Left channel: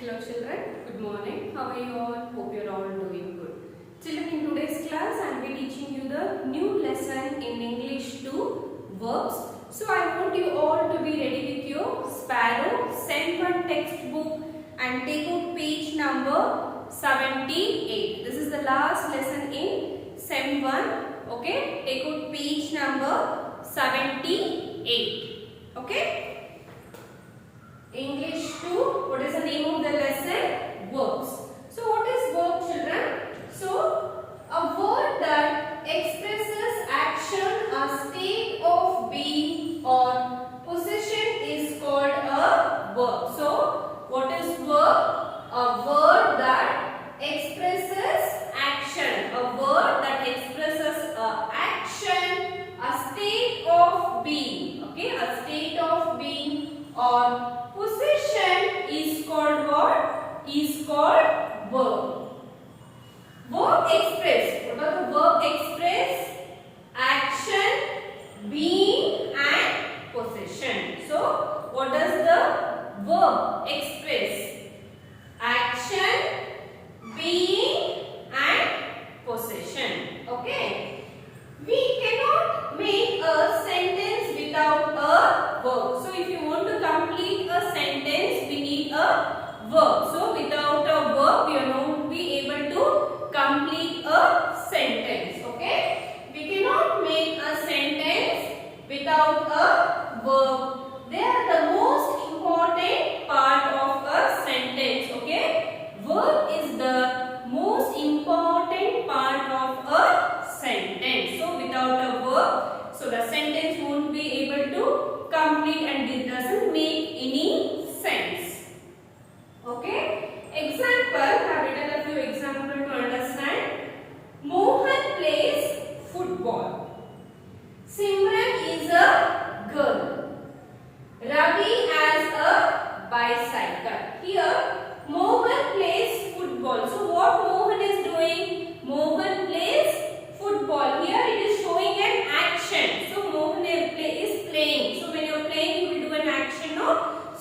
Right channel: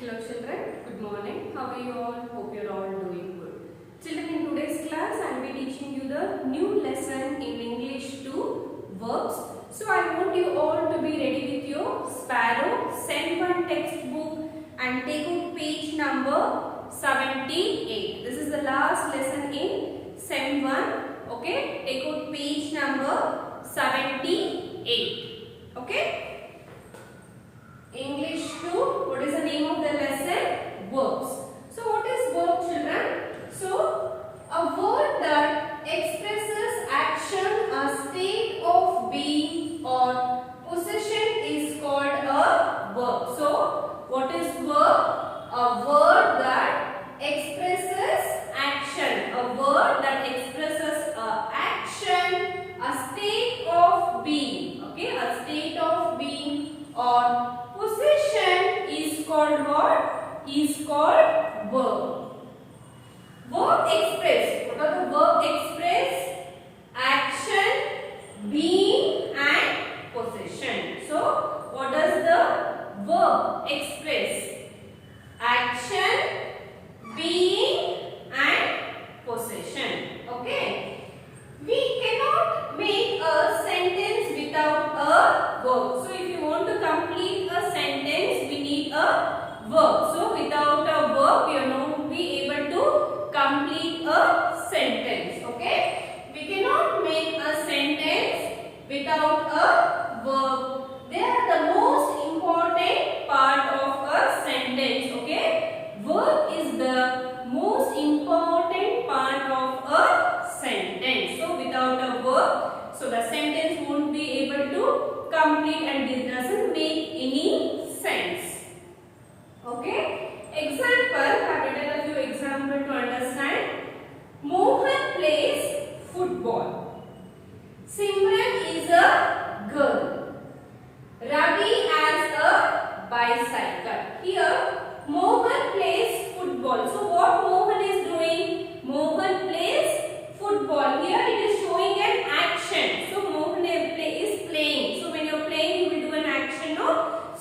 Hello children, good morning. How are you all? Hope you are all doing good. Children, in today's class I will be teaching you the new lesson in English 2, verbs. So I want you all to be ready with your Sparrow Sem 1 textbook and take out page number 78. This is the last lesson in Sem 1. Okay, take out page number 78. Okay. English 2, what is the name of the lesson? Verbs. So what is verb, children? So a word that expresses action, a state of being or possession is called a verb. So what is verb? A word that expresses action. A word that expresses action, a state of being. Okay, a state of being or possession is called what? Is called verb. Verb express. What are the verb express? Action, being and possession. So what does the verb express? Action, being and possession. Okay. We cannot make a sentence without a verb. So if you want to complete a sentence, we need a verb. So without a verb, we are not be able to complete a sentence. Okay? We cannot make a sentence without a verb. They are the most important part of a sentence. Okay? Verb is the most important part of a sentence. So without a verb, so the sentence won't be able to complete and it doesn't make any sense. Okay? Example, I have written a few examples to understand. Mohan plays football. Simran is a girl. Ravi has a bicycle. Here, Mohan plays football. So what Mohan is doing? Mohan plays football. Here it is showing an action. So Mohan is playing. So when you are playing, you will do an action, no?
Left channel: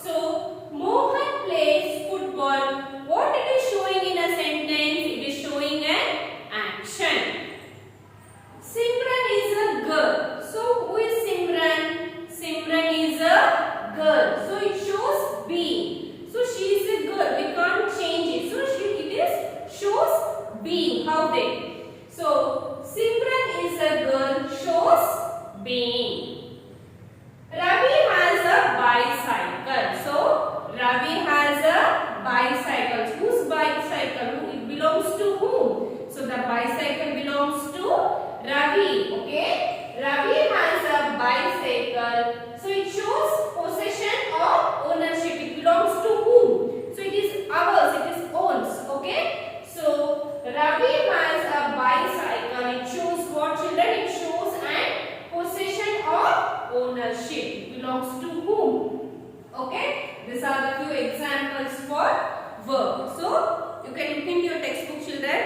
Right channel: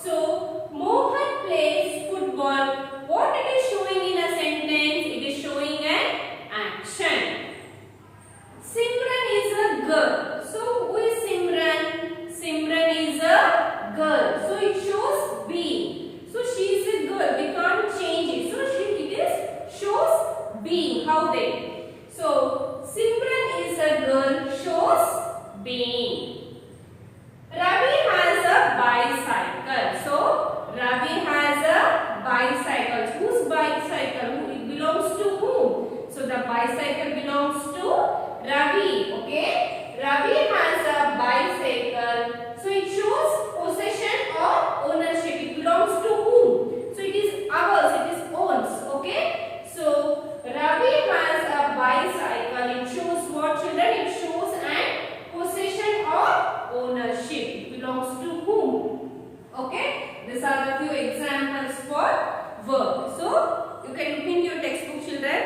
So Mohan plays football. What it is showing in a sentence? It is showing an action. Simran is a girl. So who is Simran? Simran is a girl. So it shows being. So she is a girl. We can't change it. So it shows being. How they? So Simran is a girl shows being. Ravi has a bicycle. So Ravi has a bicycle. Whose bicycle? It belongs to whom? So the bicycle belongs to Ravi. Okay. Ravi has a bicycle. So it shows possession or ownership. It belongs to whom? So it is ours. It is owns. Okay. So Ravi has a bicycle. It shows what, children? It shows an possession or ownership. It belongs to whom? Okay. These are the few examples for verb. So you can look into your textbook, children.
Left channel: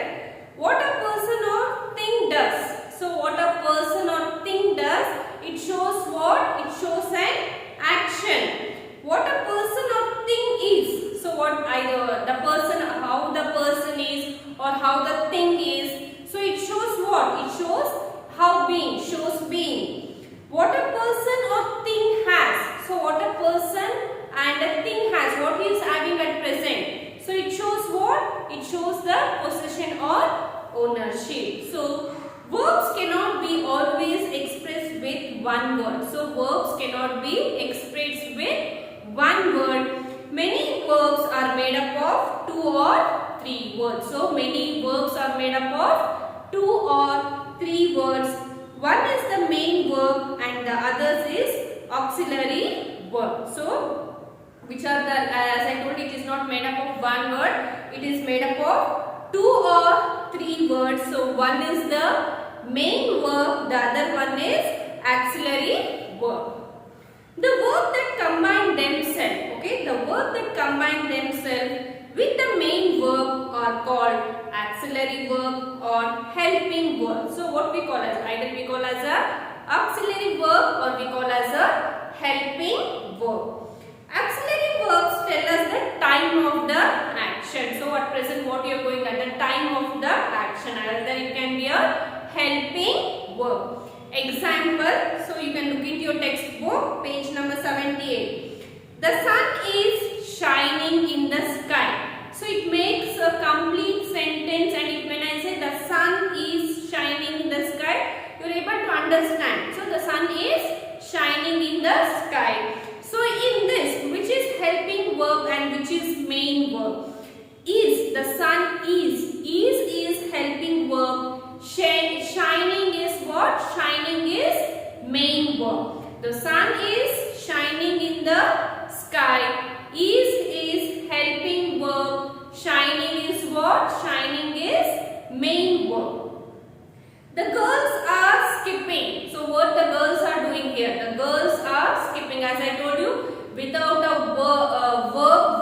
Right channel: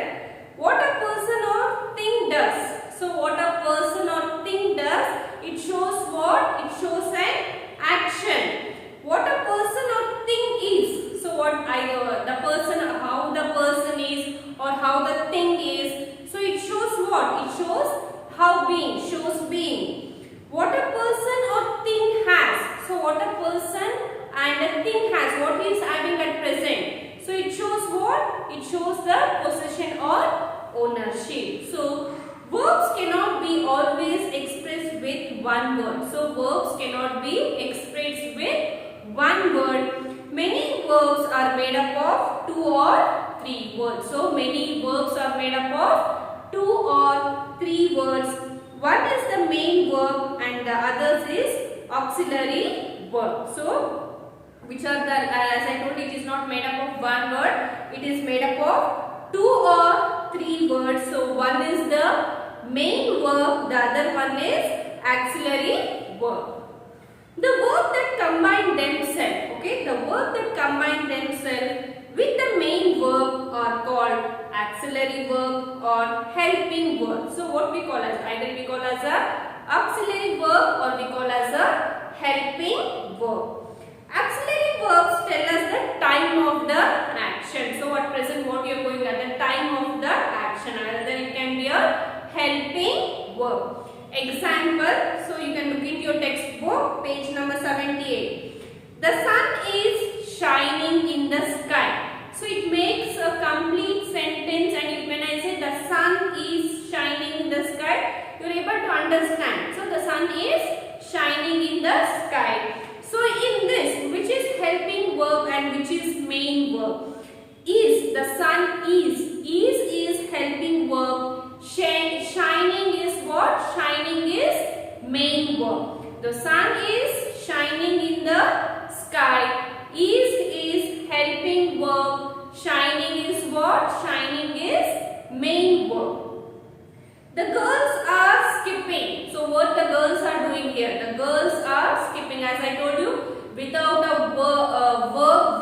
What a person or thing does. So what a person or thing does, it shows what? It shows an action. What a person or thing is. So what the person, how the person is or how the thing is. So it shows what? It shows how being, shows being. What a person or thing has. So what a person and a thing has, what he is having at present. So it shows what? It shows the possession or ownership. So verbs cannot be always expressed with one word. So verbs cannot be expressed with one word. Many verbs are made up of 2 or 3 words. So many verbs are made up of 2 or 3 words. One is the main verb and the others is auxiliary verb. So which are the, as I told, it is not made up of one word. It is made up of 2 or 3 words. So one is the main verb, the other one is auxiliary verb. The verb that combine themselves, okay, the verb that combine themselves with the main verb are called auxiliary verb or helping verb. So what we call as, either we call as a auxiliary verb or we call as a helping verb. Auxiliary verbs tell us the time time of the action. So at present what you are going at the time of the action, either it can be a helping verb. Example, so you can look into your textbook, page number 78. The sun is shining in the sky. So it makes a complete sentence, and when I say the sun is shining in the sky, you are able to understand. So the sun is shining in the sky. So in this, which is helping verb and which is main verb? Is, the sun is helping verb. Shining is what? Shining is main verb. The sun is shining in the sky. Is helping verb. Shining is what? Shining is main verb. The girls are skipping. So what the girls are doing here? The girls are skipping. As I told you, without a verb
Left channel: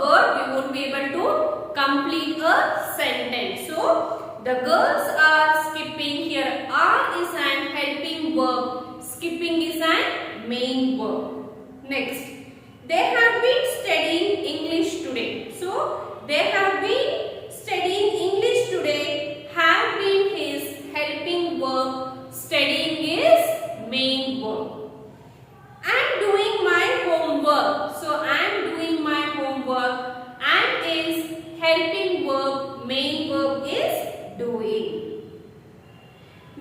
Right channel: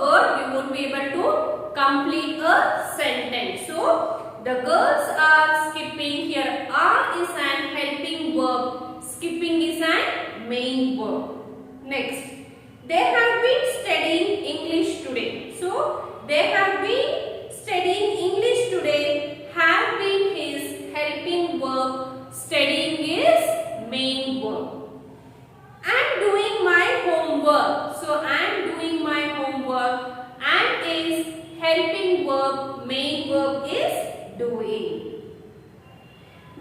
word, we won't be able to complete a sentence. So the girls are skipping. Here are is an helping verb. Skipping is an main verb. Next, they have been studying English today. So they have been studying English today. Have been his helping verb. Studying is main verb. I am doing my homework. So I am doing my homework. And is helping verb. Main verb is doing.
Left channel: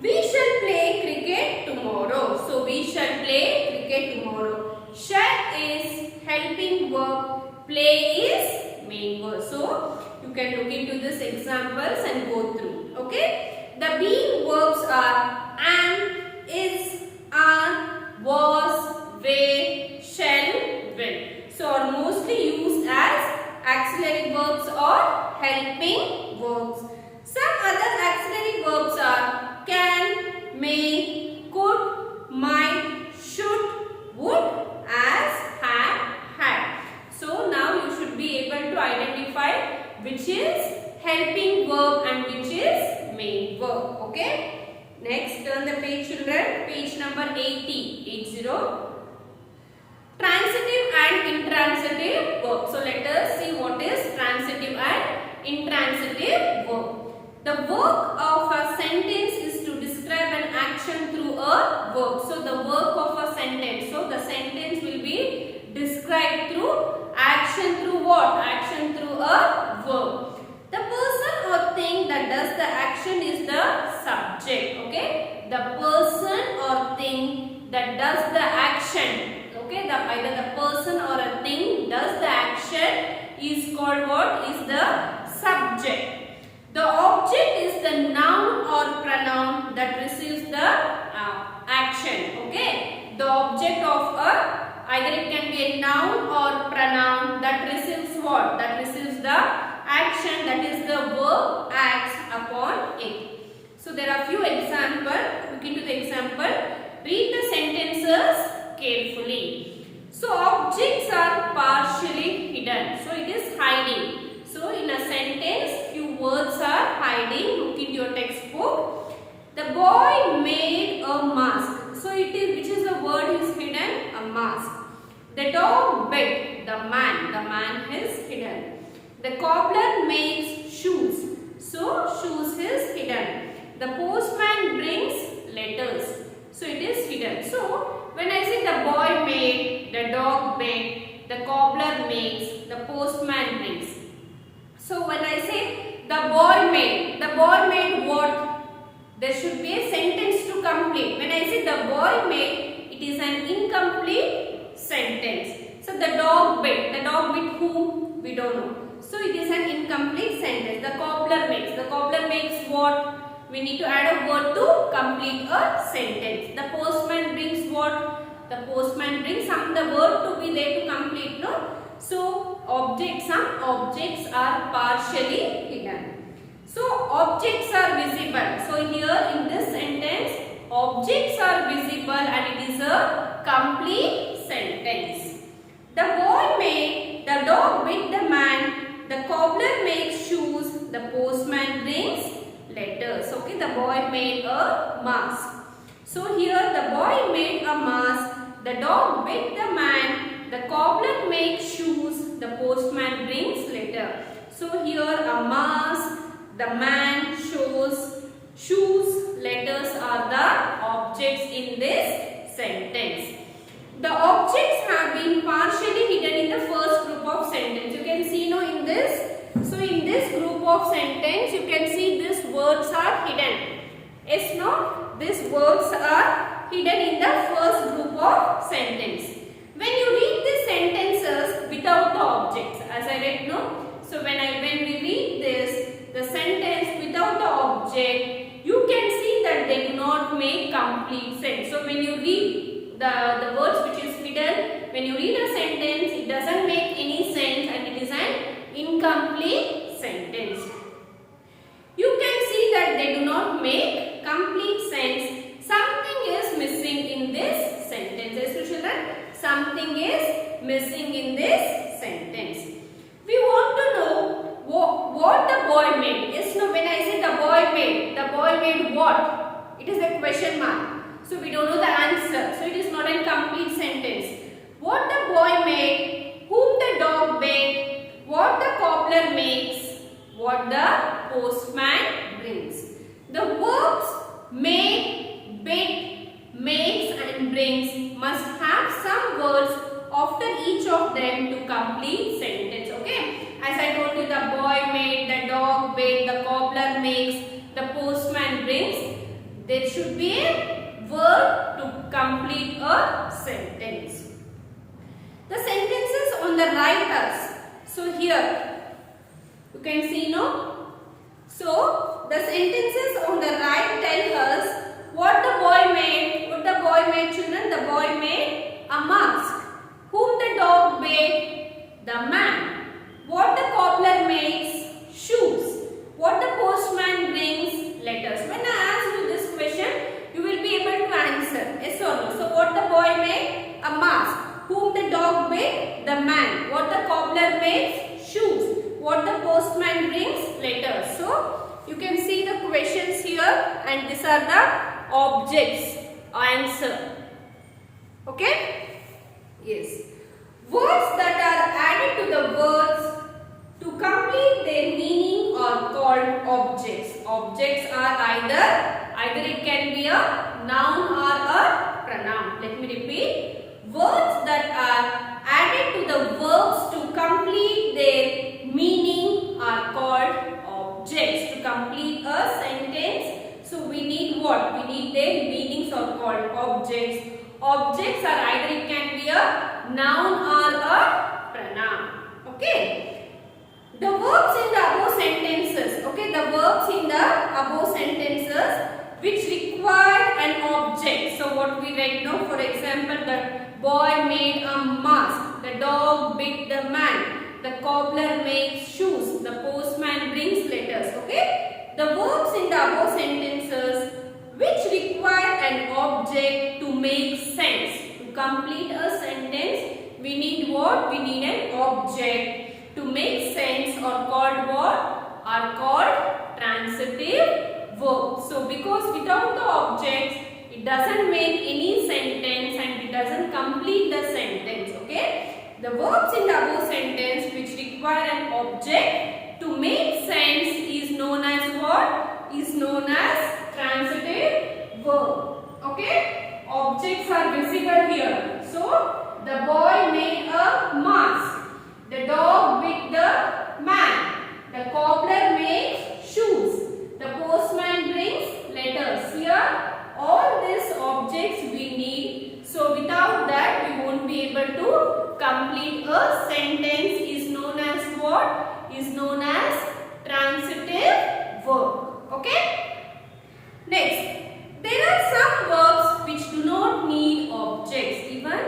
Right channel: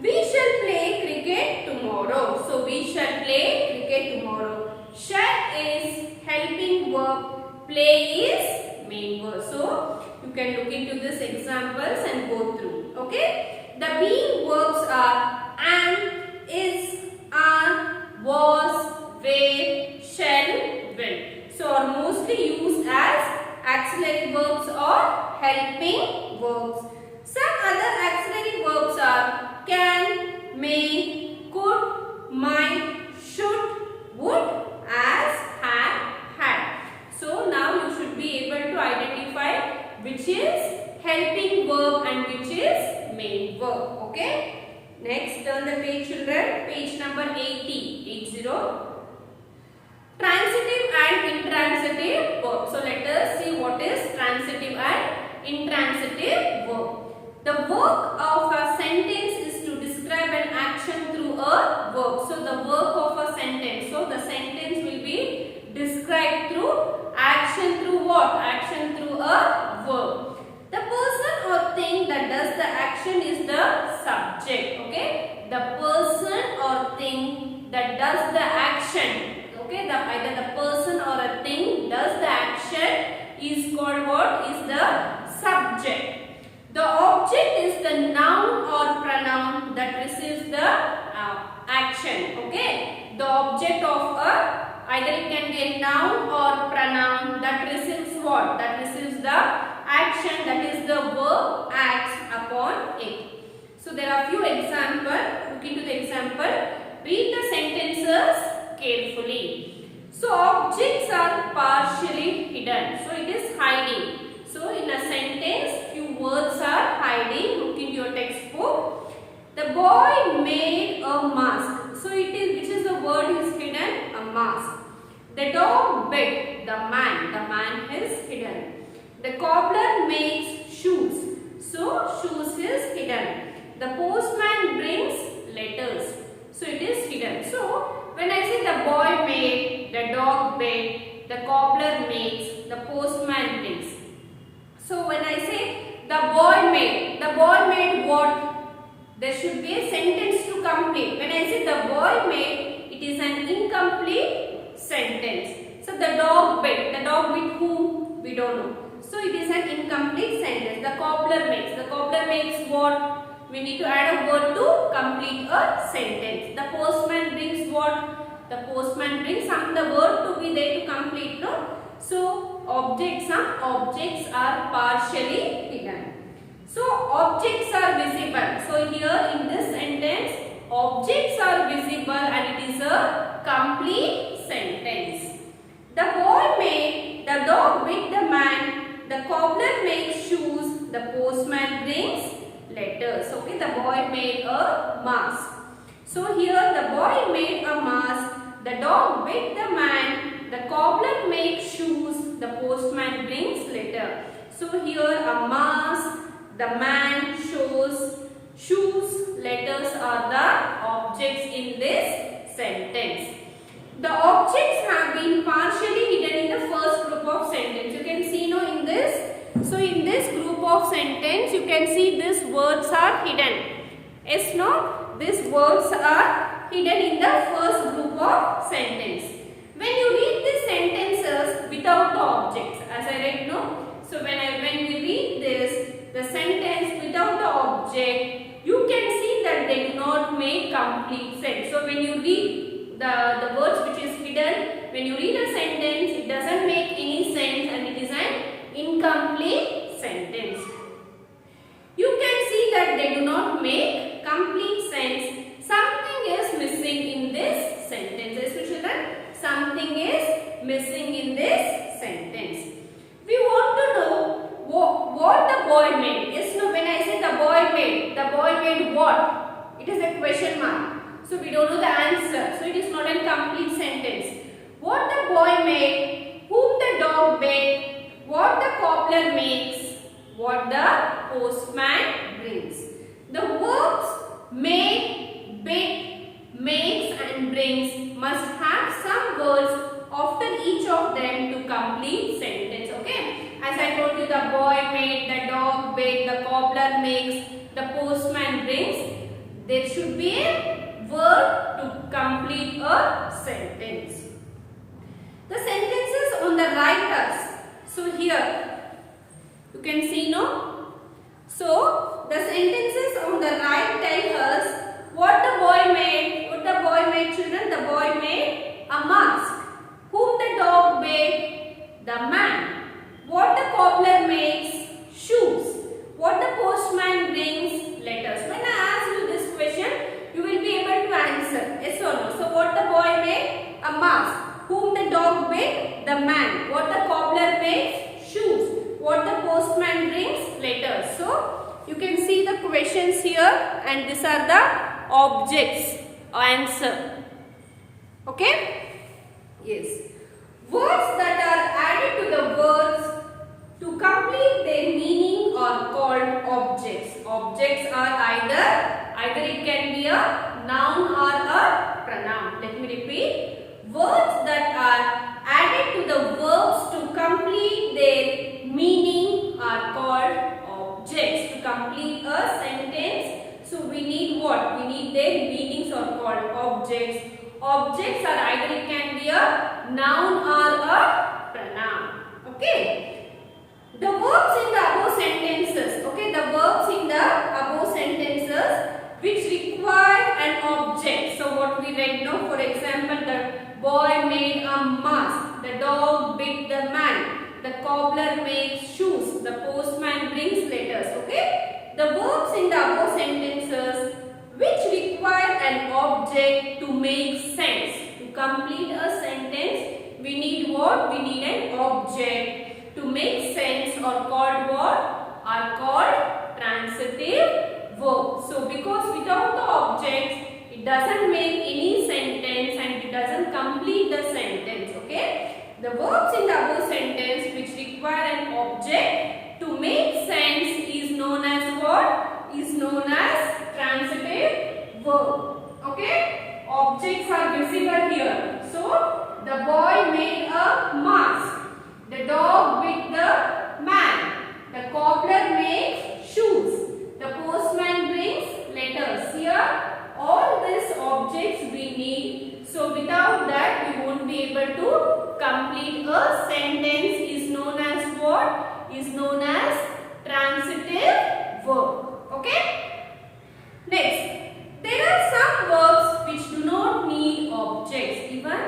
We shall play cricket tomorrow. So we shall play cricket tomorrow. Shall is helping verb. Play is main verb. So you can look into these examples and go through. Okay. The being verbs are am, is, are, was, were, shall, will. So are mostly used as auxiliary verbs or helping verbs. Some other auxiliary verbs are can, may, could, might, should, would, as, had, had. So now you should be able to identify which is helping verb and which is main verb. Okay. Next, turn the page, children. Page number 80. Transitive and intransitive verb. So let us see what is transitive and intransitive verb. The work of a sentence is to describe an action through a verb. So the work of a sentence. So the sentence will be described through action through what? Action through a verb. The person or thing that does the action is the subject. Okay. The person or thing that does the action. Okay. Either the person or a thing does the action is called what? Is the subject. The object is the noun or pronoun that receives the action. Okay. The object of either it can be a noun or pronoun that receives what? That receives the action, that is the verb acts upon it. So there are few examples. Look into the example. Read the sentences carefully. So objects are partially hidden. So it is hiding. So in a sentence, few words are hiding. Look into your textbook. The boy made a mask. So it is, which is the word is hidden? A mask. The dog bit. The man is hidden. The cobbler makes shoes. So shoes is hidden. The postman brings letters. So it is hidden. So when I say the boy made, the dog bit, the cobbler makes, the postman brings. So when I say the boy made what? There should be a sentence to complete. When I say the boy made, it is an incomplete sentence. So the dog bit whom? We don't know. So it is an incomplete sentence. The cobbler makes what? We need to add a word to complete a sentence. The postman brings what? The postman brings the word to be there to complete, no? So some objects are partially hidden. So objects are visible. So here in this sentence, objects are visible and it is a complete sentence. The boy made, the dog bit the man, the cobbler makes shoes, the postman brings letters. Okay, the boy made a mask. So here the boy made a mask, the dog bit the man, the cobbler makes shoes, the postman brings letters. letter. So here a mask, the man, shoes, letters are the objects in this sentence. The objects have been partially hidden in the first group of sentence. You can see now in this. So in this group of sentence, you can see these words are hidden. Yes, no? These words are hidden in the first group of sentence. When you read these sentences without the objects, as I read, no? So when we read this, the sentence without the object, you can see that they do not make complete sense. So when you read the words which is hidden, when you read a sentence, it doesn't make any sense and it is an incomplete sentence. You can see that they do not make complete sense. Something is missing in this sentence. Yes, children? Something is missing in this sentence. We want to know what the boy made. Yes, no, when I say the boy made what? It is a question mark. So we don't know the answer. So it is not a complete sentence. What the boy made, whom the dog made, what the cobbler makes, what the postman brings. The verbs made, bid, makes and brings must have some words after each of them to complete sentence. Okay? As I told you, the boy made, the dog bid, the cobbler makes, the postman brings. There should be a verb to complete a sentence. The sentences on the right us. So here you can see, no? So the sentences on the right tell us what the boy made. What the boy made, children? The boy made a mask. Whom the dog made? The man. What the cobbler makes? Shoes. What the postman brings? Letters. When I ask you this question, you will be able to answer yes or no. So what the boy made? A mask. Whom the dog made? The man. What the cobbler makes? Shoes. What the postman brings? Letters. So you can see the questions here and these are the objects. Answer. Okay? Yes. Words that are added to the words to complete their meaning are called objects. Objects are either it can be a noun or a pronoun. Let me repeat. Words that are added to the verbs to complete their meaning are called objects. To complete a sentence, so we need what? We need their meanings are called objects. Objects are either it can be a noun or a pronoun. Okay. The verbs in the above sentences. Okay. The verbs in the above sentences which require an object. So what we read now, for example, the boy made a mask. The dog bit the man. The cobbler makes shoes. The postman brings letters. Okay. The verbs in the above sentences which require an object to make sense. To complete a sentence, we need what? We need an object. To make sense are called what? Are called transitive verbs. So because without the objects, it doesn't make any sentence and it doesn't complete the sentence. Okay? The verbs in the above sentence which require an object to make sense is known as what? Is known as transitive verb. Okay? Objects are visible here. So, the boy made a mask. The dog bit the man. The cobbler makes shoes. The postman brings letters. Here, all these objects we need. So, without that, we won't be able to complete a sentence. Is known as what? Is known as transitive verb. Okay? Next, there are some verbs which do not need objects. Even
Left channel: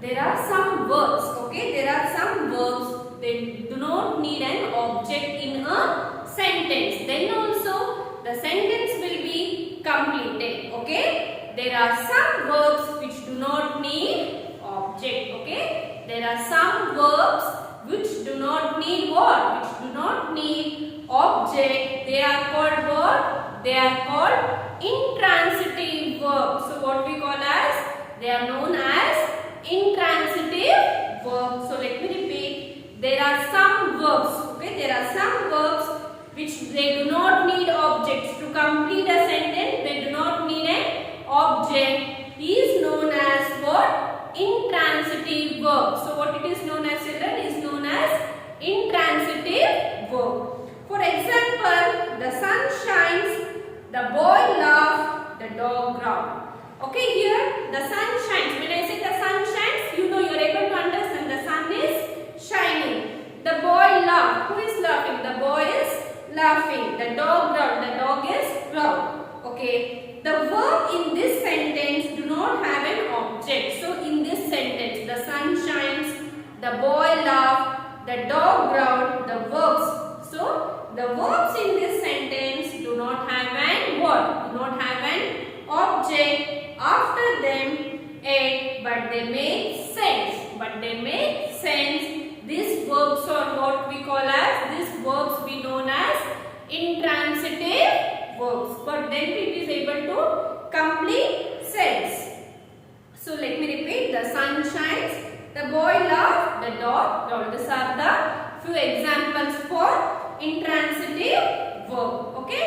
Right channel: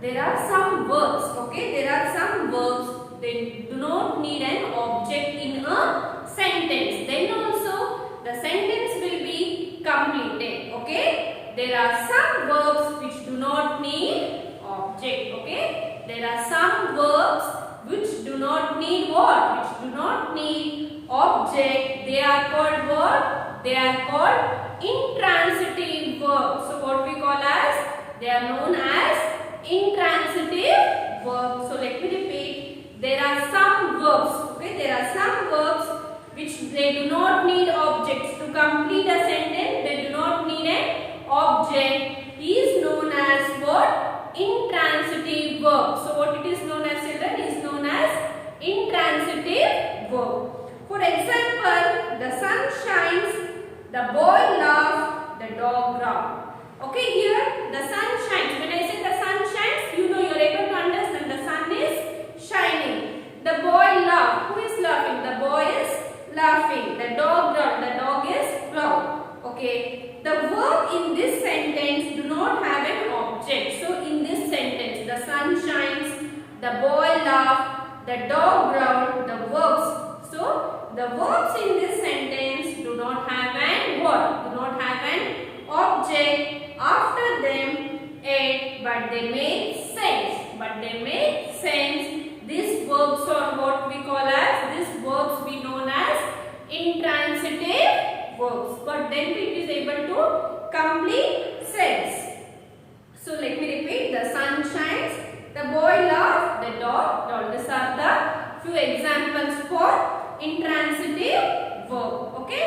there are some verbs. Okay, there are some verbs they do not need an object in a sentence. Then also the sentence will be completed. Okay, there are some verbs which do not need object. Okay, there are some verbs which do not need what? Which do not need object. They are called what? They are called intransitive verbs. So what we call as? They are known as intransitive verbs. So let me repeat. There are some verbs. Okay, there are some verbs which they do not need objects to complete a sentence. They do not need an object. Is known as what? Intransitive verb. So what it is known as, children, is known as intransitive verb. For example, the sun shines, the boy laughs, the dog growled. Okay, here the sun shines. When I say the sun shines, you know, you are able to understand the sun is shining. The boy laughs. Who is laughing? The boy is laughing. The dog growled. The dog is growled. Okay. The verb in this sentence do not have an object. So in this sentence, the sun shines, the boy laughs, the dog growled, the verbs. So the verbs in this sentence do not have an what? Do not have an object after them, yet, but they make sense. But they make sense. These verbs are what we call as, these verbs we known as intransitive verbs. But then it is able to complete sense. So let me repeat. The sun shines, the boy laughs, the dog growls. These are the few examples for intransitive verb. Okay.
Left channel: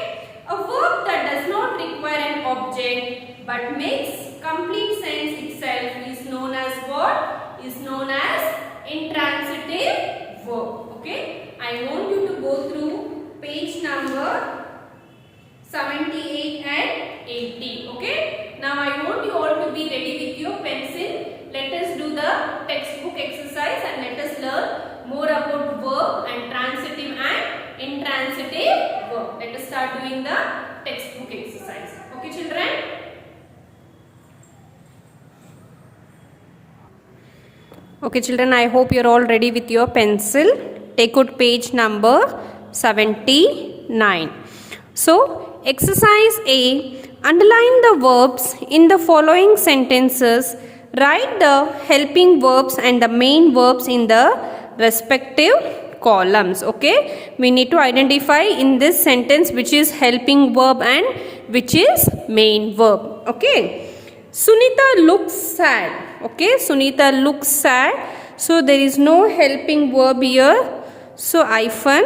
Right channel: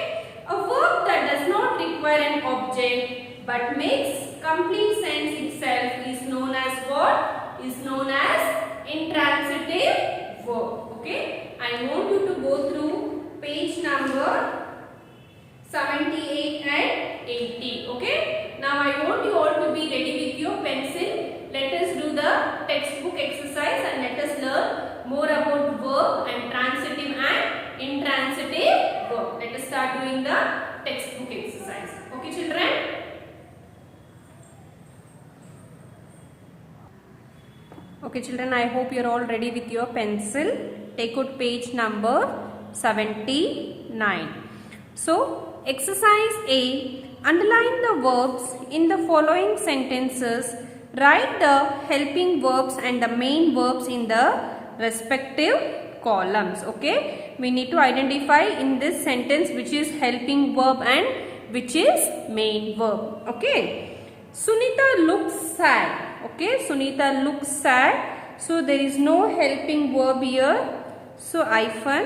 A verb that does not require an object but makes complete sense itself is known as what? Is known as intransitive verb. Okay. I want you to go through page number 78 and 80. Okay. Now I want you all to be ready with your pencil. Let us do the textbook exercise and let us learn more about verb and transitive and intransitive verb. Let us start doing the textbook exercise. Okay, children? Okay, children, I hope you are all ready with your pencil. Take out page number 79. So, exercise A. Underline the verbs in the following sentences. Write the helping verbs and the main verbs in the respective columns. Okay, we need to identify in this sentence which is helping verb and which is main verb. Okay, Sunita looks sad. Okay, Sunita looks sad. So there is no helping verb here. So hyphen.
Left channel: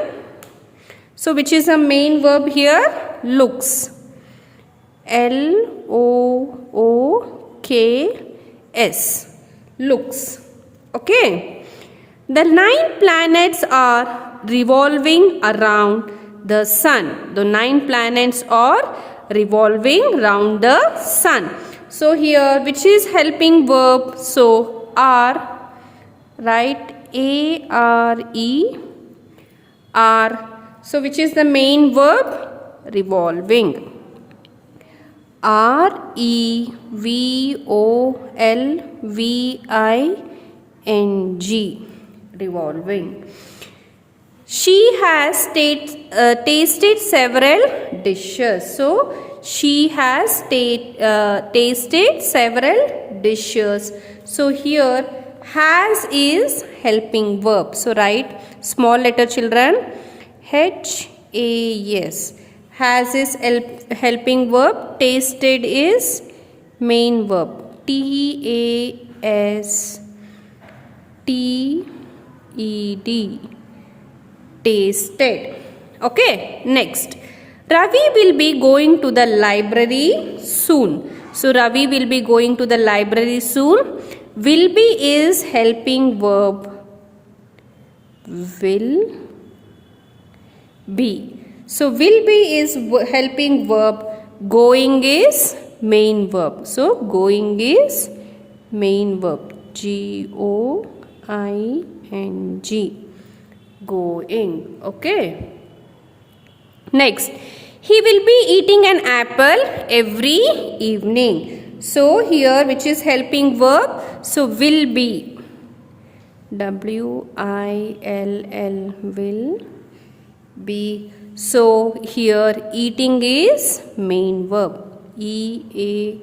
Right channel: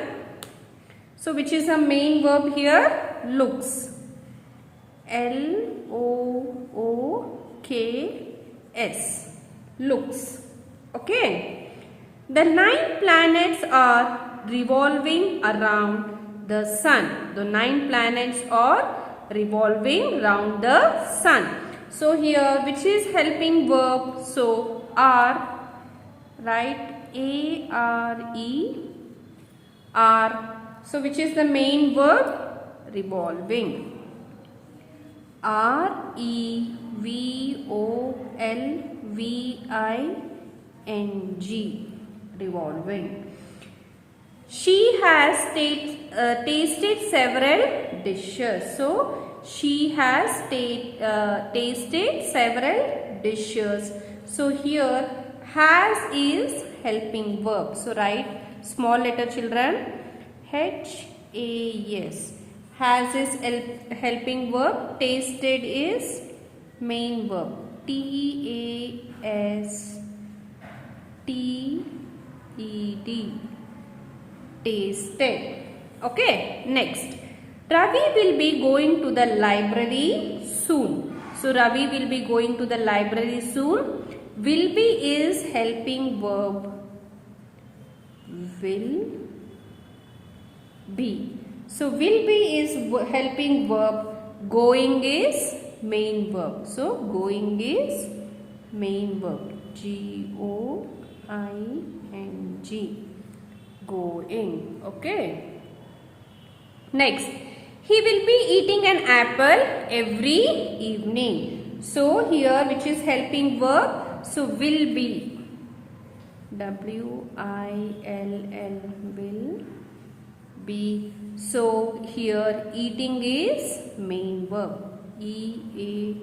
So which is a main verb here? Looks. L-O-O-K-S. Looks. Okay. The 9 planets are revolving around the sun. The 9 planets are revolving around the sun. So here which is helping verb? So are, right? A-R-E, are. So which is the main verb? Revolving. R-E-V-O-L-V-I-N-G. Revolving. She has tasted several dishes. So she has tasted several dishes. So here has is helping verb. So write small letter, children. H-A-S. Has is helping verb. Tasted is main verb. T-A-S-T-E-D. Tasted. Okay, next. Ravi will be going to the library soon. So Ravi will be going to the library soon. Will be is helping verb. Will be. So will be is helping verb. Going is main verb. So going is main verb. G-O-I-N-G. Going. Okay. Next. He will be eating an apple every evening. So here which is helping verb? So will be. W-I-L-L. Will be. So here eating is main verb. E-A-T-I-N-G.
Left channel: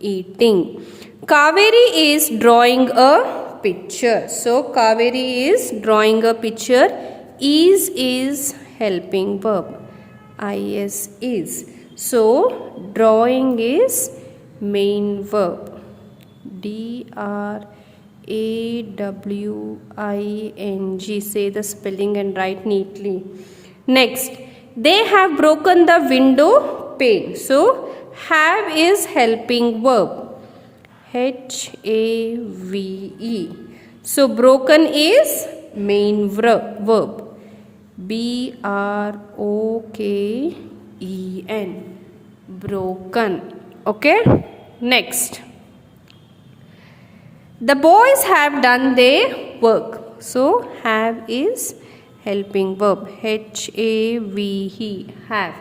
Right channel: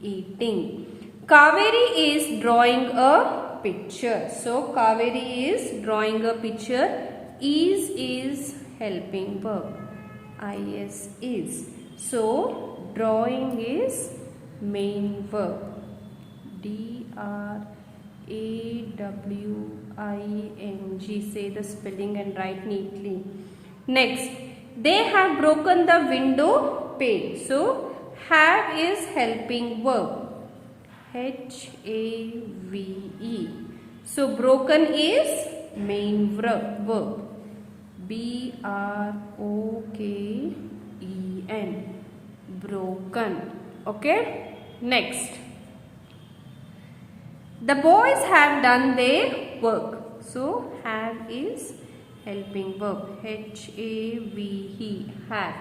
Eating. Kaveri is drawing a picture. So Kaveri is drawing a picture. Is helping verb. Is is. So drawing is main verb. D-R-A-W-I-N-G. A-W-I-N-G. Say the spelling and write neatly. Next, they have broken the window pane. So, have is helping verb. H-A-V-E. So, broken is main verb. B-R-O-K-E-N. Broken. Okay? Next. The boys have done their work. So, have is helping verb. H-A-V-E. Have.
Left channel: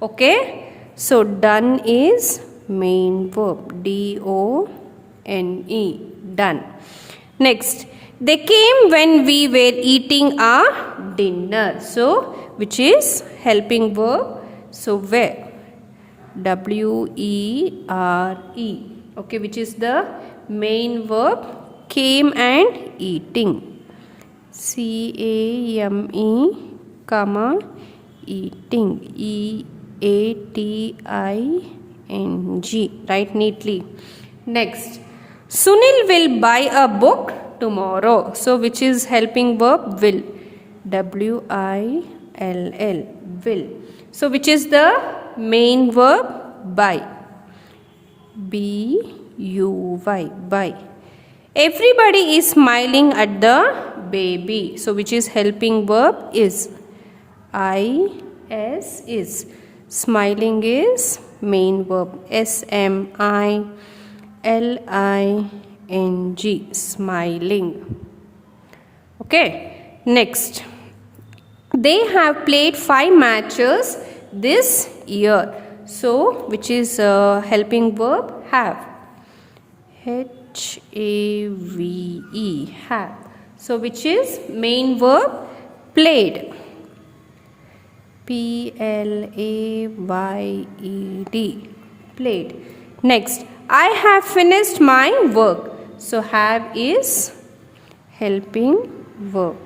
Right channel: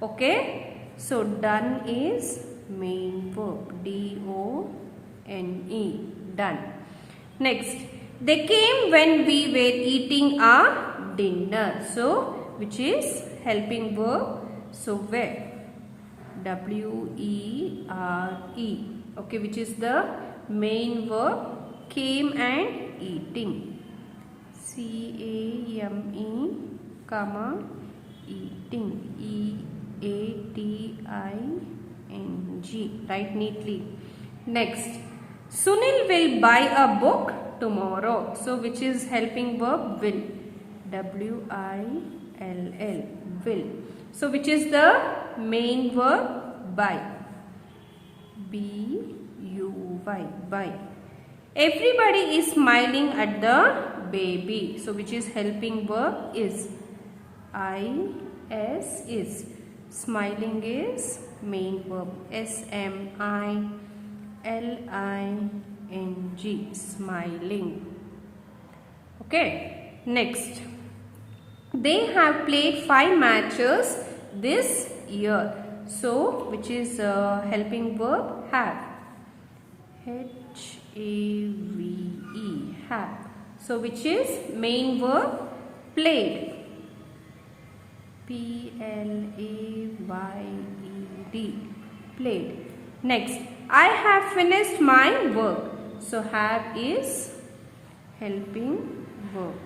Okay? So, done is main verb. D-O-N-E. Done. Next. They came when we were eating our dinner. So, which is helping verb. So, where? W-E-R-E. Okay, which is the main verb. Came and eating. C-A-M-E, comma, eating. E-A-T-I-N-G. Write neatly. Next. Sunil will buy a book tomorrow. So, which is helping verb? Will. W-I-L-L. Will. So, which is the main verb? Buy. B-U-Y. Buy. Everybody is smiling at the baby. So, which is helping verb? Is. I-S is. Smiling is main verb. S-M-I-L-I-N-G. Smiling. Okay. Next. They have played 5 matches this year. So, which is helping verb? Have. H-A-V-E. Have. So, which is main verb? Played. P-L-A-Y-E-D. Played. Next. I have finished my work. So, have is helping verb.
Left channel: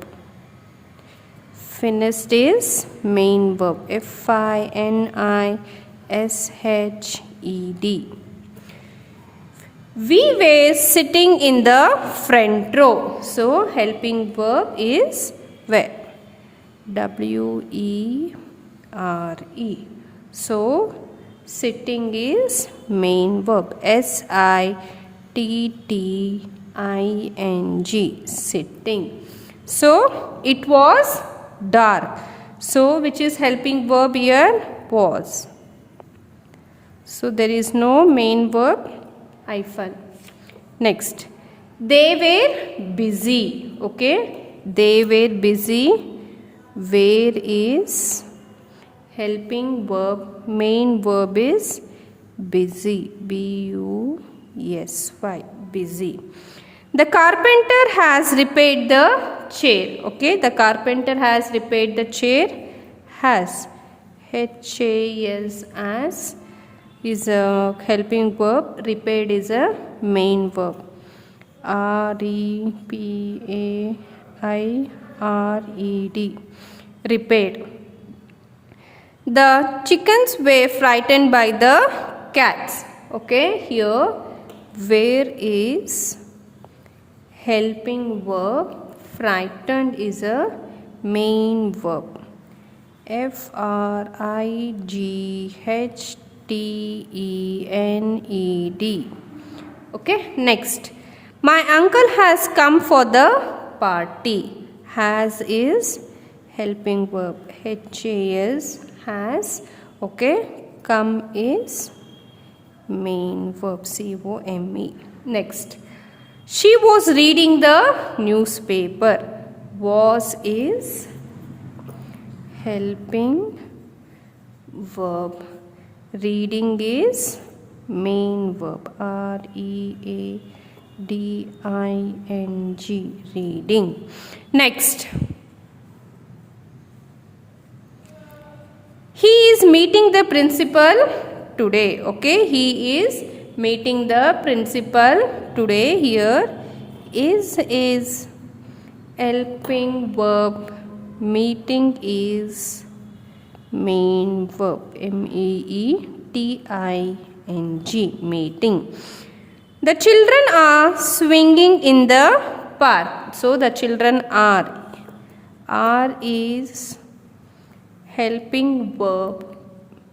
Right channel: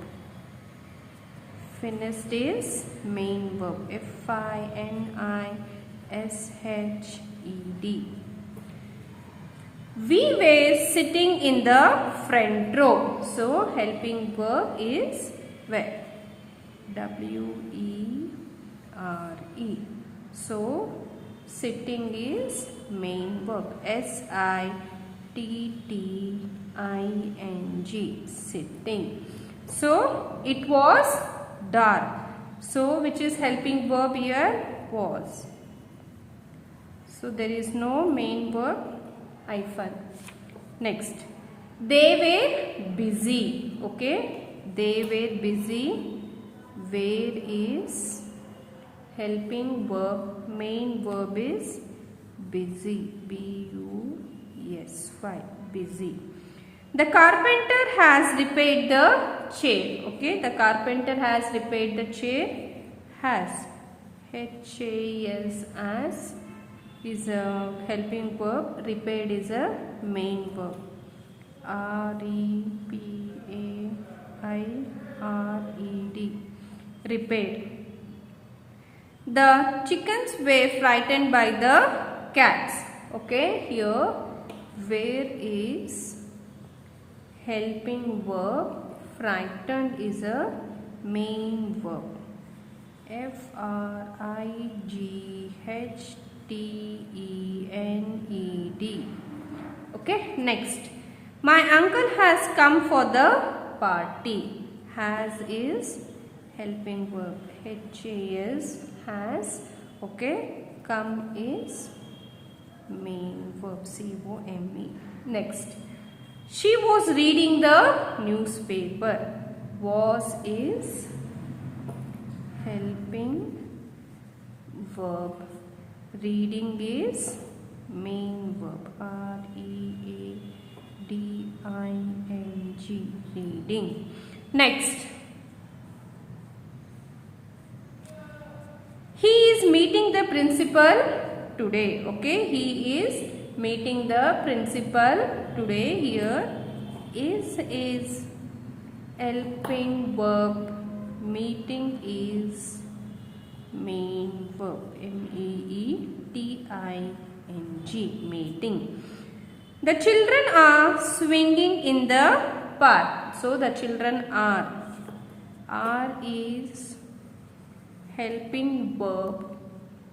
Finished is main verb. F-I-N-I-S-H-E-D. We were sitting in the front row. So, helping verb is where? W-E-R-E. So, sitting is main verb. S-I-T-T-I-N-G. Sitting. So, it was dark. So, which is helping verb here? Was. So, there is no main verb. Hyphen. Next. They were busy. Okay. They were busy. Where is helping verb? Main verb is busy. B-U-S-Y. Busy. The carpenter has repaired the chair. Okay. The carpenter has repaired the chair. Has. H-A-S as is a helping verb. Repaired is a main verb. R-E-P-A-I-R-E-D. Repaired. The chickens were frightened by the cats. Okay. Here where is helping verb. Frightened is a main verb. F-R-I-G-H-T-E-N-E-D. Okay. Next. My uncle has come for the party. Has is helping verb. H-A-S. Has. Okay. Come is main verb. C-O-M-E. Next. She was reading the newspaper. Was is helping verb. Reading is main verb. R-E-A-D-I-N-G. Reading. Next. He is meeting the principal today. Okay. He is meeting the principal today. Here is helping verb. Meeting is main verb. M-E-E-T-I-N-G. Meeting. The children are swinging in the park. So the children are. R is helping verb.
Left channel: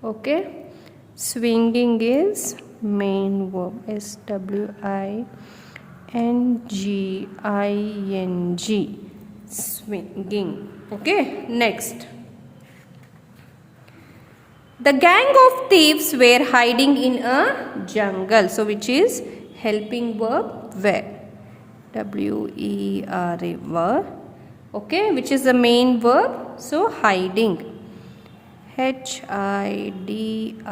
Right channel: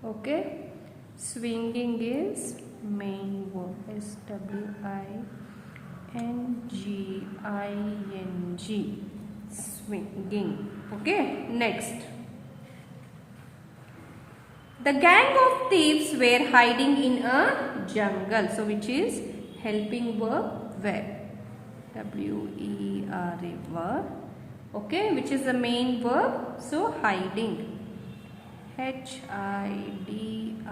Okay. Swinging is main verb. SWINGING. Swinging. Okay. Next. The gang of thieves were hiding in a jungle. So which is helping verb were. WERE. Were. Okay. Which is the main verb. So hiding. HIDING.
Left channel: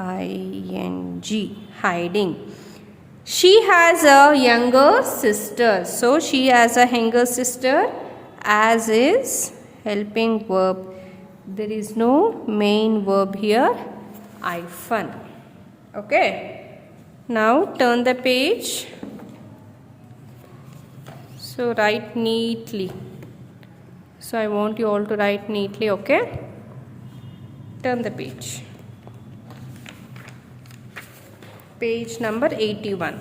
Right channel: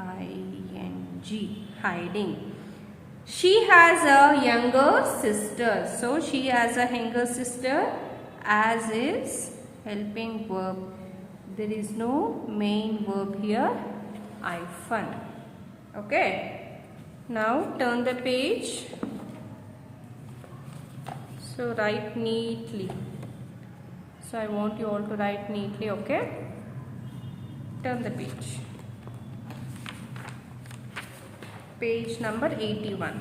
Hiding. She has a younger sister. So she has a younger sister. As is helping verb. There is no main verb here. Hyphen. Okay. Now turn the page. So write neatly. So I want you all to write neatly. Okay. Turn the page. Page number 81.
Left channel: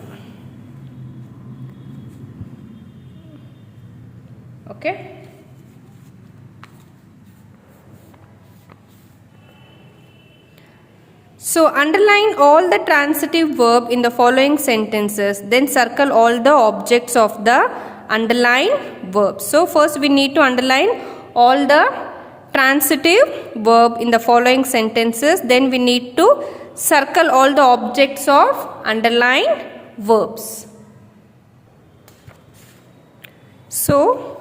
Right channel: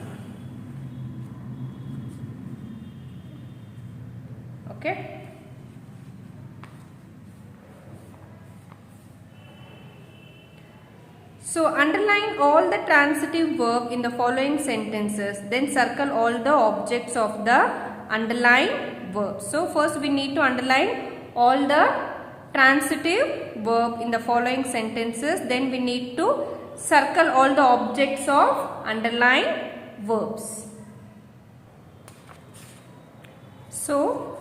Okay. So underline all the transitive verb in the following sentences. Then circle all the objects of the underlined verbs. So first we need to underline all the transitive verb in the following sentences. Then we need to circle all the objects of underlined verbs. So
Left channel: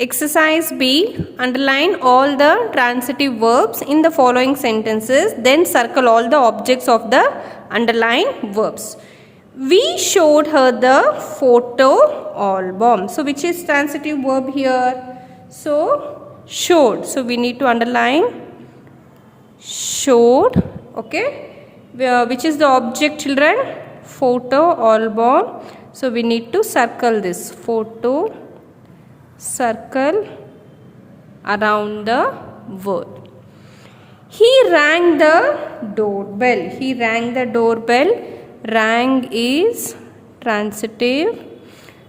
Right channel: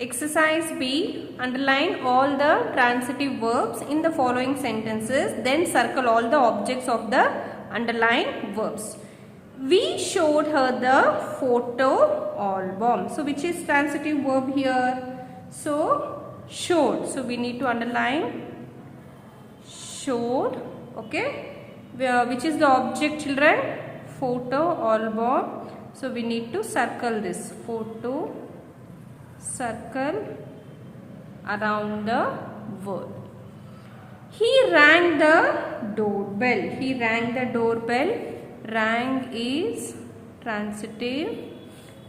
exercise B, underline all the transitive verbs in the following sentences, then circle all the objects of the underlined verbs. We showed her the photo album. So which is transitive verb here? So showed. So we need to underline showed. Okay. Which is the object, children? Photo album. So we need to circle this photo. Circle around the word. He rang the doorbell. He rang the doorbell. Rang is transitive.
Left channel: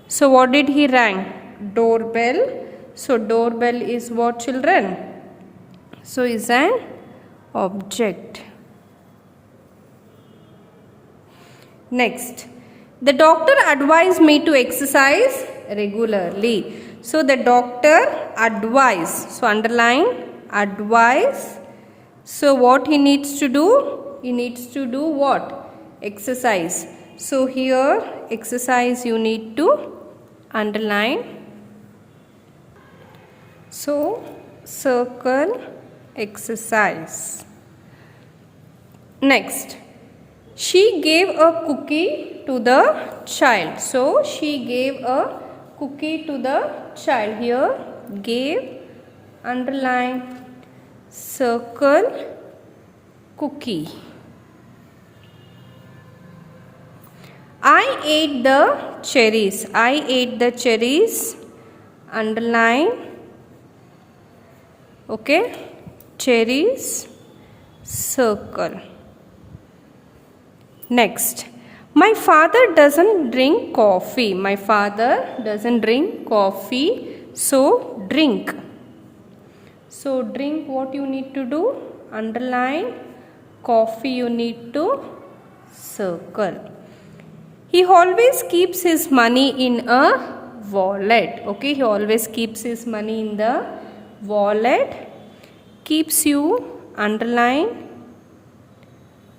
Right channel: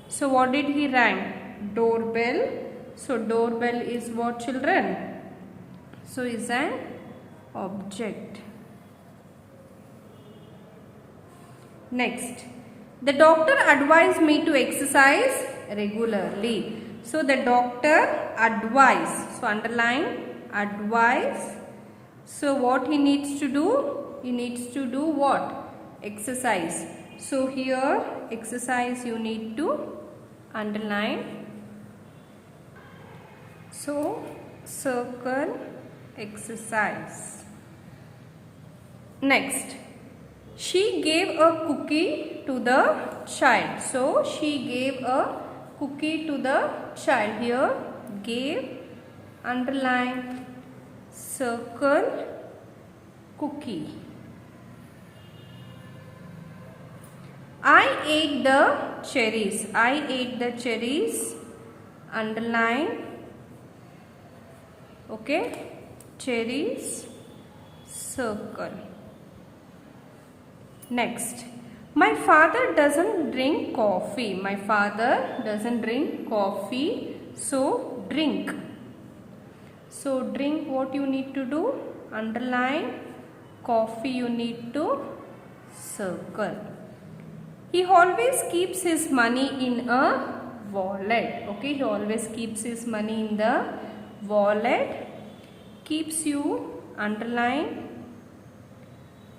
So what did he rang? Doorbell. So doorbell is what, children? So is an object. Next. The doctor advised me to exercise regularly. So the doctor advised. So underline advise. So what he needs to do? He needs to do what? Exercise. So here exercise you need to underline. So circle exercise. Next. She gave a cookie to the child. So she gave a cookie to the child. Here gave, underline, circle, cookie. I ate the cherries. I ate the cherries. Underline. Okay. Cherries. Circle. Next. My father doesn't drink coffee. My father doesn't drink coffee. So drink. So drink, what you need to do? Underline. Coffee you need to circle. He always keeps his money in a wallet. Okay, he always keeps his money in the wallet. Keeps you, underline,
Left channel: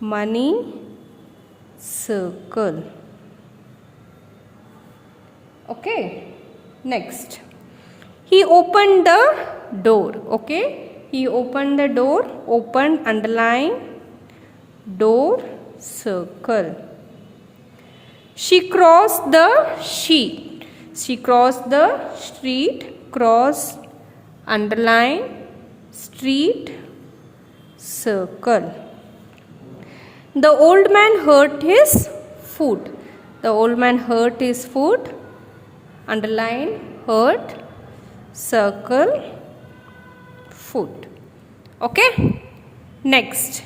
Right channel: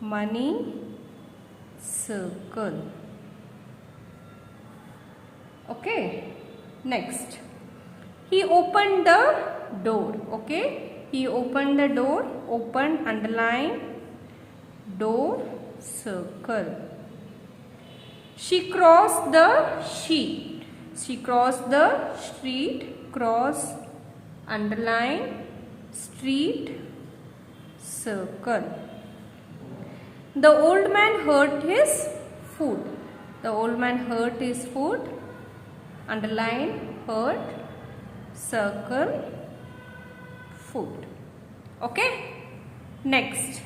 money, circle. Okay. Next. He opened the door. Okay. He opened the door. Open, underline, door, circle. She crossed the street. She crossed the street. Cross, underline, street, circle. The old man hurt his foot. The old man hurt his foot. Underline, hurt, circle, foot. Okay. Next.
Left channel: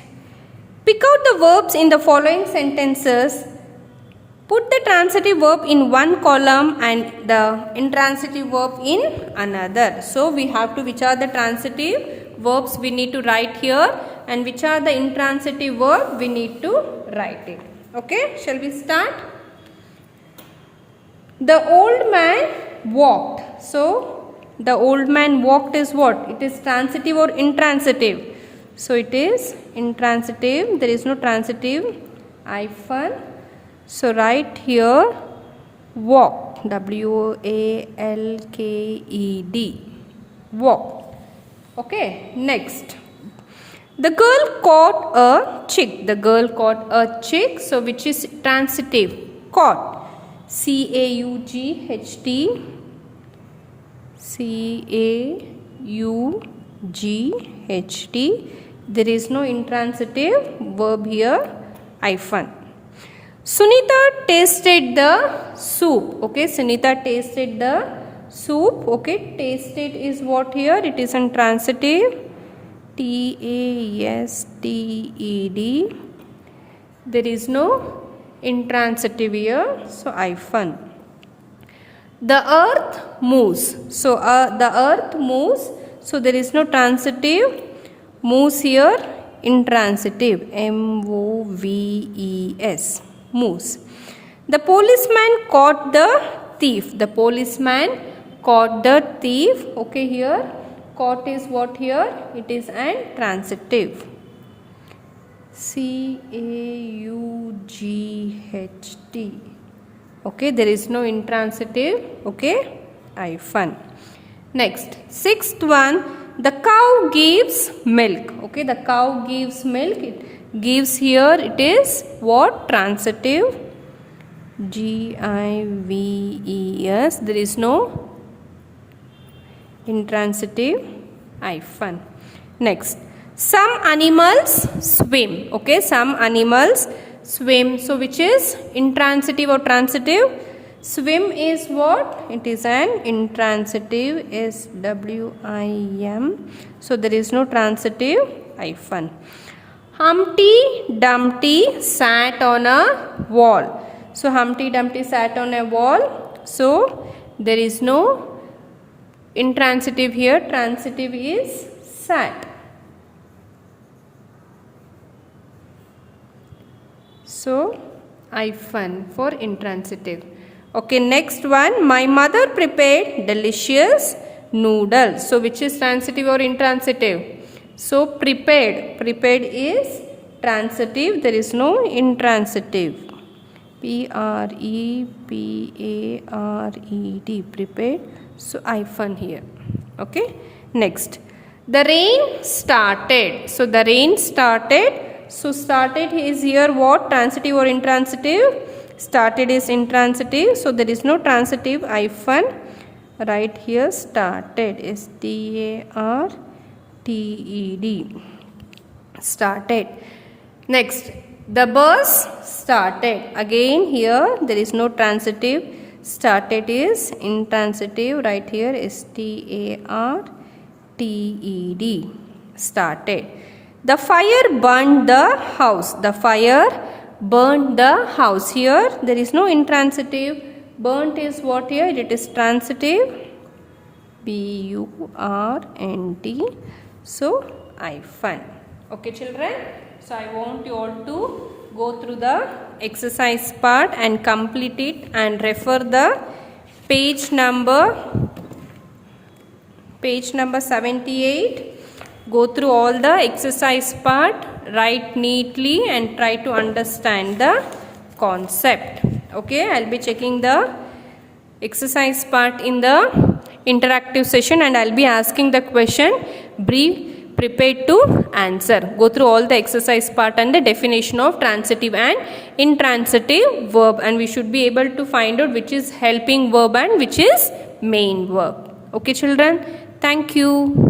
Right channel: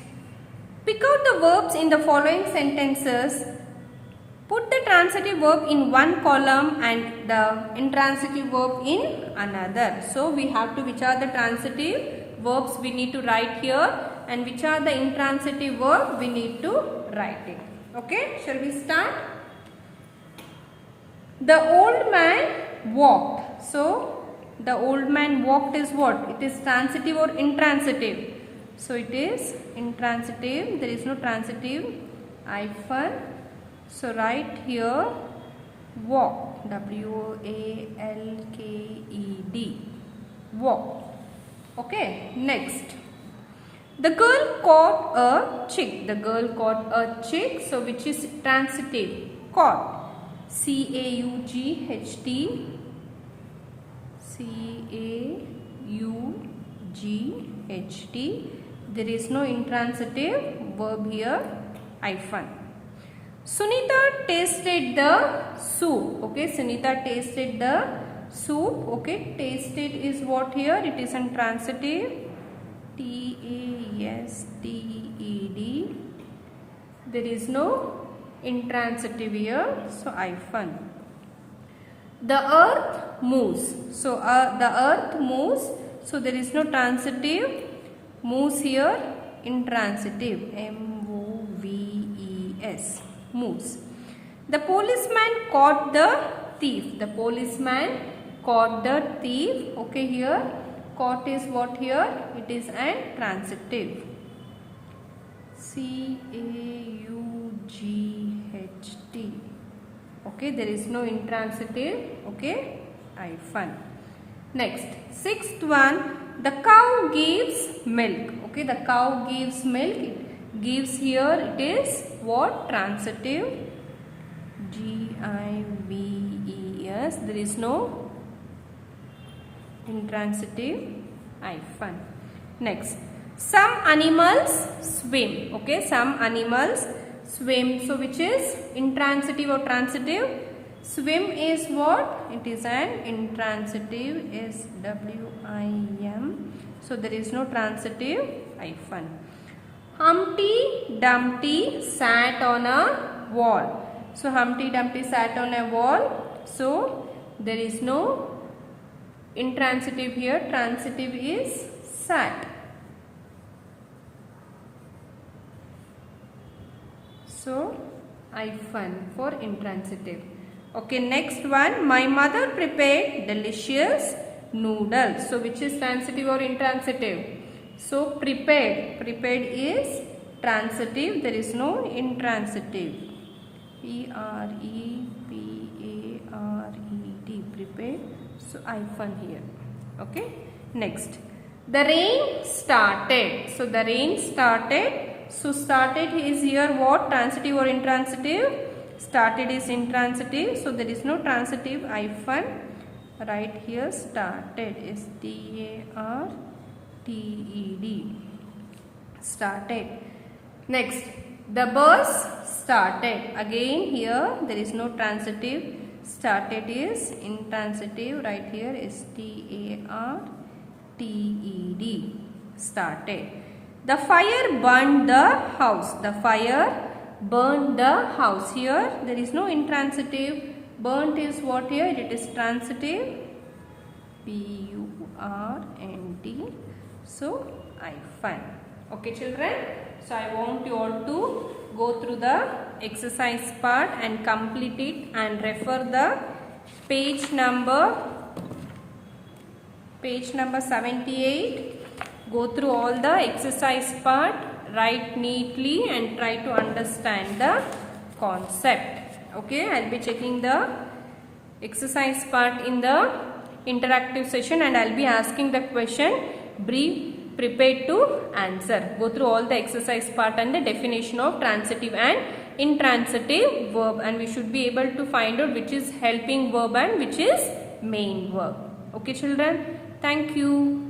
Pick out the verbs in the following sentences Put the transitive verb in one column and the intransitive verb in another. So we have to, which are the transitive verbs we need to write here, and which are the intransitive verb we need to write it. Okay, shall we start? The old man walked. So the old man walked is what? It is transitive or intransitive? So it is intransitive. There is no transitive hyphen. So write here walk, W-A-L-K-E-D, walk. Okay, next. The girl caught a chick. The girl caught a chick. So which is transitive? Caught, C-A-U-G-H-T, C-A-U-G-H-T. There is no intransitive verb here, hyphen. Sunita tasted the soup. Okay, Sunita tasted the soup. Okay, tasted is what here? It is intransitive, T-A-S-T-E-D. There is no intransitive here, so hyphen. The earth moves. So the earth moves. So there is no transitive. Moves here, intransitive, M-O-V-E-S. Moves. The policeman caught the thief. The policeman caught the thief. Okay, here caught is what here? It is an transitive, C-A-U-G-H-T. Okay, there is no intransitive. Okay, hyphen. Next, sixth one, the cow gives milk. Okay, the cow gives milk. It gives here, it is what? Transitive, G-I-V-E-S. There is no intransitive hyphen. Next, some animals swim. Okay, some animals swim. So which is intransitive or transitive? Swim is what? It is an intransitive, S-W-I-M. So there is no transitive hyphen. Humpty Dumpty sat on a wall. So Humpty Dumpty sat on a wall. So there is no intransitive here. Transitive is sat. So hyphen for intransitive. Okay, next one. My mother prepared delicious noodles. So which is transitive or intransitive? So prepared. Prepared is transitive. There is no intransitive. P-R-E-P-A-R-E-D. Prepared. So hyphen here. Okay. Next. The rain started. So the rain started. So started is here what? Transitive or intransitive? Started is intransitive. So there is no transitive hyphen. Right here started is T-A-R-T-E-D. Started. Next, the bus started. Again here there is no transitive. Started is intransitive. Right here is T-A-R-T-E-D. Started. The fire burned the house. The fire burned the house. Here there is no intransitive. Burnt is what here? It is transitive, B-U-R-N-T. So hyphen. Okay, children. So I want you all to go through the exercise part and complete it and refer the page number 78. Go through all the exercise part, write neatly and try to understand the concept. Okay, I'll be checking the exercise part in the interactive session and I'll be asking the question. Be prepared to answer. Go through all the exercise part and the definition of transitive and intransitive verb, and we should be able to find out which is helping verb and which is main verb. Okay, children. Thank you.